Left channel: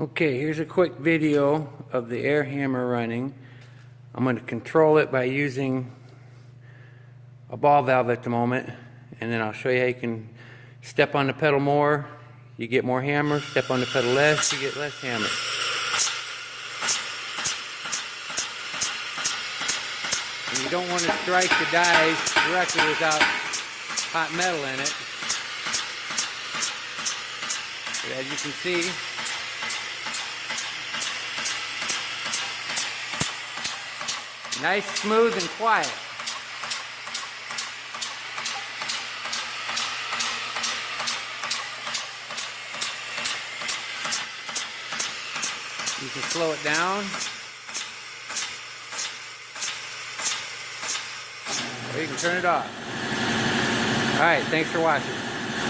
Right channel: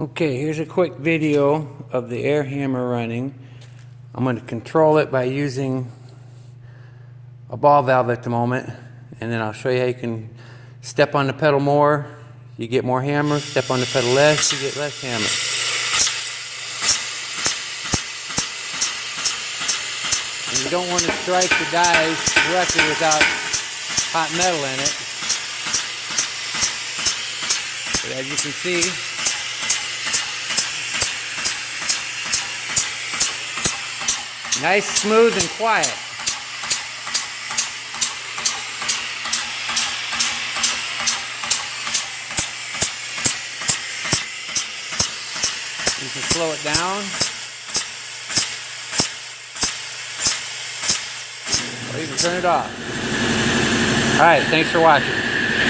Okay, here's a quick video of the air hammer running. I'm going to control it by using a ball valve at the moment, and then I'll show you how you can step on the pedal more, you get more hammer, step on the pedal less, you get less hammer. And you don't want to strike the dies directly without hot metal in it. But as you can see, nice, smooth, and quiet. You can slow it down, or you can turn it off. Alright, thanks for watching.